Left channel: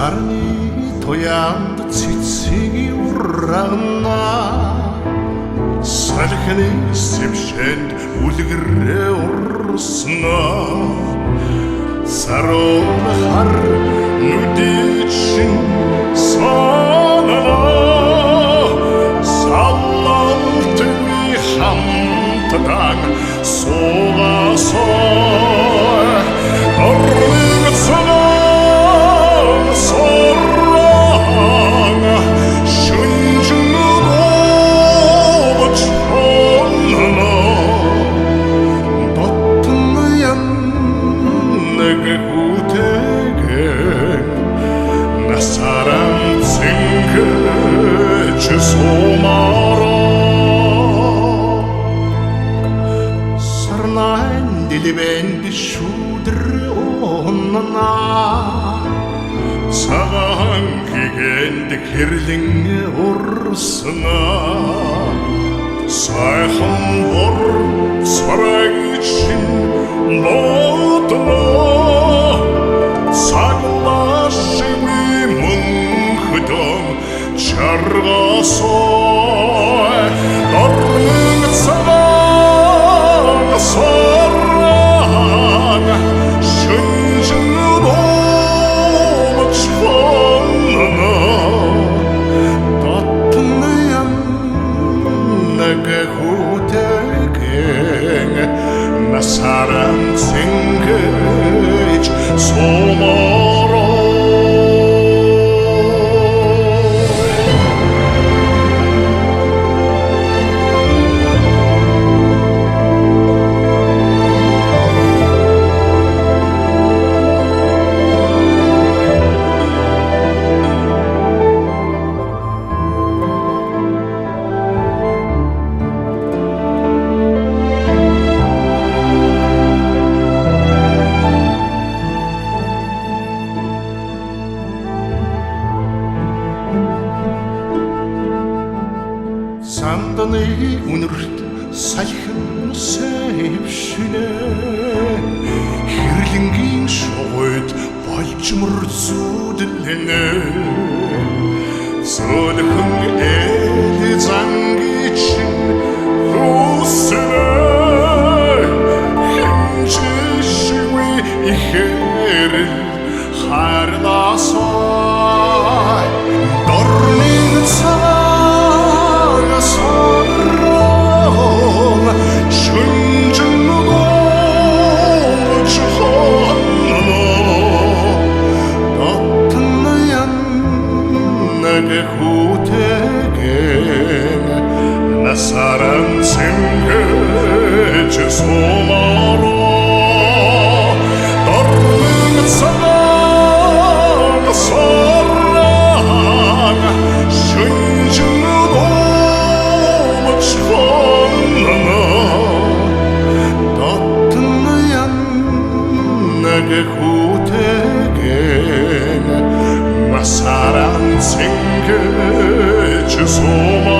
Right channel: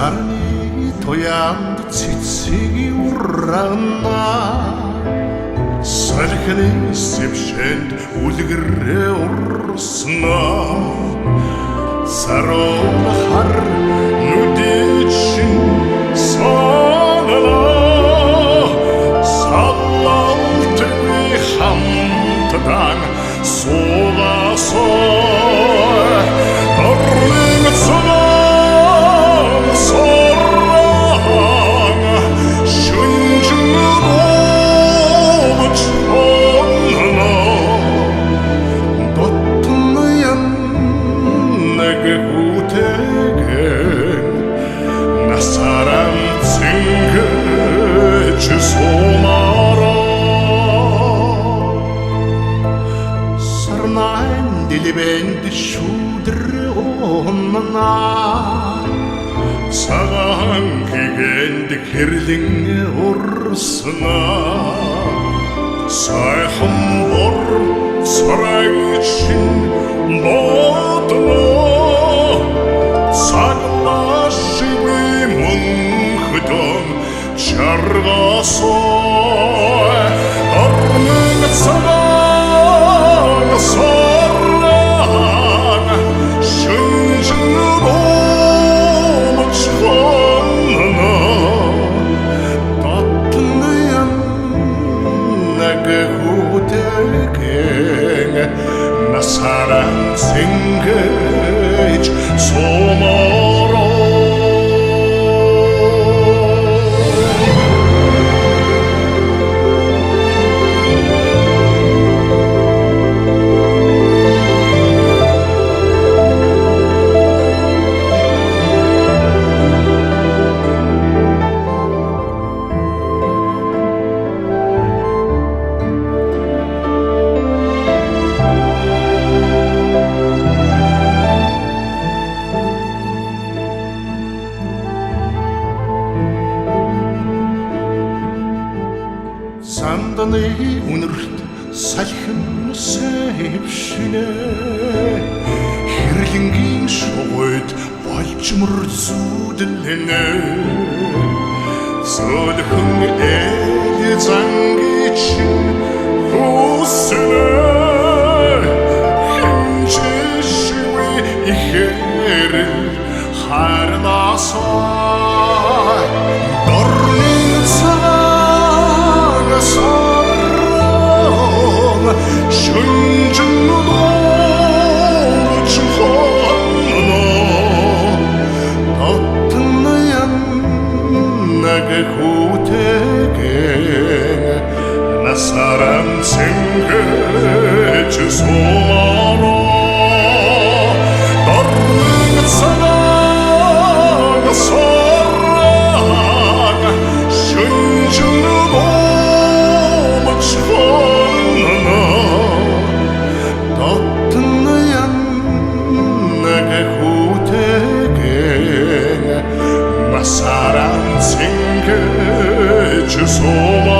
Сарны тоянд цэцгийг урагна салхины сэвшэнд үлгэрээ урсна сарон хар нүдичин санана салалтгүй хамтдан суугасаа дорныг цанаа Sorranga şunçunu doğuçonana Dattınlayan nege hutegen Nasaran tsinge çizomara Sarnaen dilibendi şudre onana Цагаан гигэнд хэрлэн урсна сайхан бор царайчин бодно цаглашгүй мөнхтөн чаргасоо дорныг цагаан сорран шүнжин Chonana Dattnayan nage hutegen Nasaran singej somaro Санданы үнэрт салхин сэвшинэ Хэрлэнгийн шугойд болжмор зүудлэнэ Сөөлхөн ээл зангичин хүснэ Хинжишгүй ихэрэл харласаа Дорныг Sorrong şunçun doğuç hanana Dattnayan nage hutegen Nasaran singej somaro Dornыг цагаан сорран şunçun Chonana Dattnayan nage hutegen Nasaran singej somaro